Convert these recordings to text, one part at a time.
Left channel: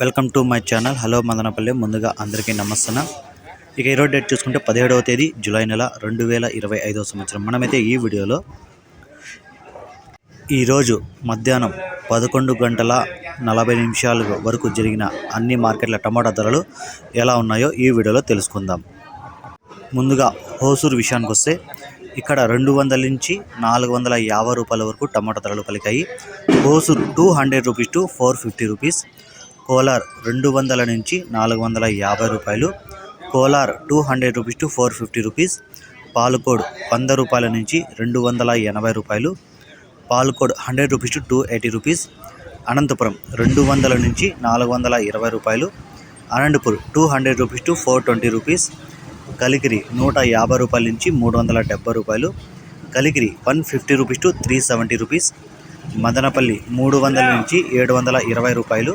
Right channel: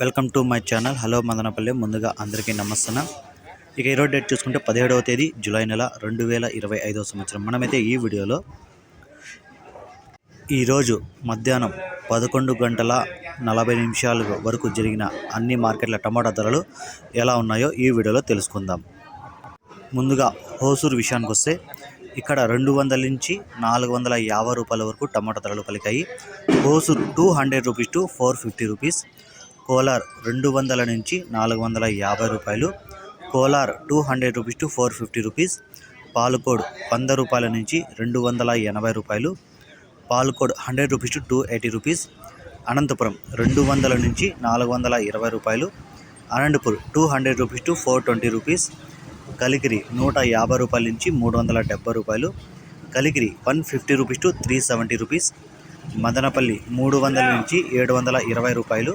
Welcome to my channel. Hello Madanapalle. ముందుగా అందరికీ నమస్తే. ఇక ఈరోజు డేట్ చూసుకుంటే 17వ తేదీ జూలై నెల 2025 సంవత్సరం. మనమైతే ఈ వీడియోలో ఈరోజు మధ్యాహ్నం 11:40 వరకు జరిగిన అన్ని మార్కెట్ల టమాటా ధరలు ఎలా ఉన్నాయో ఈ వీడియోలో తెలుసుకుందాం. ముందుగా హోసూరు విషయానికి వస్తే ఇక్కడ 200 నుంచి 450 రూపాయల వరకు టమాటా ధరలు పలికాయి. Hosur 200 rupees to 450 rupees. Kolar 200 నుంచి 450 రూపాయలు. Kolar 200 rupees to 450 rupees. Palakode 100 రూపాయల నుంచి 280 రూపాయలు. Palakode 100 rupees to 280 rupees. Anantapuram 200 నుంచి 420 రూపాయలు. Anantapur 200 rupees to 420 rupees. Kalikiri 150 రూపాయల నుంచి 370 రూపాయలు. Kalikiri 150 rupees to 370 rupees. Madanapalle 300 నుంచి 720 రూపాయలు.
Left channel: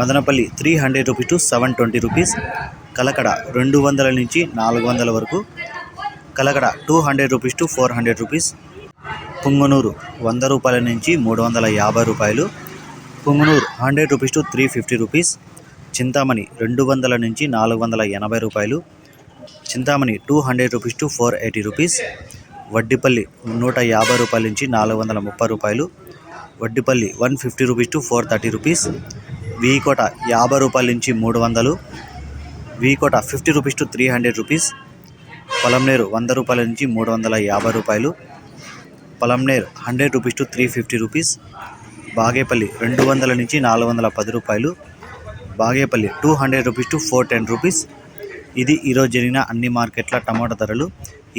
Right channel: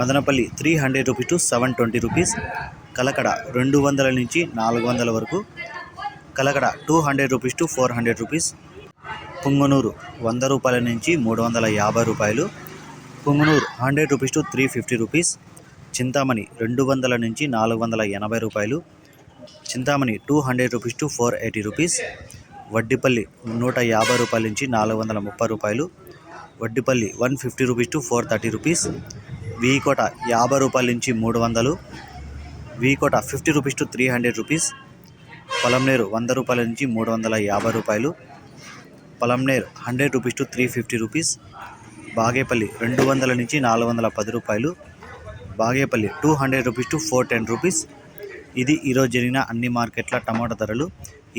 Madanapalle 300 rupees to 720 rupees. Kalakada 200 నుంచి 400 వరకు. Kalakada 200 rupees to 400 rupees. Punganur 100 రూపాయల నుంచి 350 రూపాయలు. Punganur 100 rupees to 350 rupees. Chintamani 200 నుంచి 480 రూపాయలు. Chintamani 200 rupees to 480 rupees. Vaddipalli 150 రూపాయల నుంచి 430 రూపాయలు. Vaddipalli 150 rupees to 430 rupees. V Kota 50 రూపాయల నుంచి 300. V Kota 50 rupees to 300 rupees. Polamneru 100 రూపాయల నుంచి 350 రూపాయలు. Polamneru 100 rupees to 350 rupees. Bagepalli 200 నుంచి 410 రూపాయలు. Bagepalli 200 rupees to 410 rupees. ఇది ఈరోజు జరిగిన అన్ని మార్కెట్ల టమాటా ధరలు.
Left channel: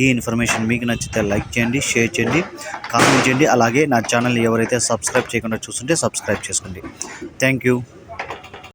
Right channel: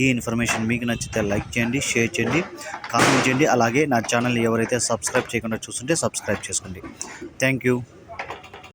ఈ ఇన్ఫర్మేషన్ మీకు నచ్చితే లైక్ చేయండి, షేర్ చేయండి, కామెంట్ చేయండి. అలాగే నా ఛానల్ని ఎవరైతే సబ్స్క్రైబ్ చేయకుండా చూస్తుంటే సబ్స్క్రైబ్ చేసుకోండి. Thank you.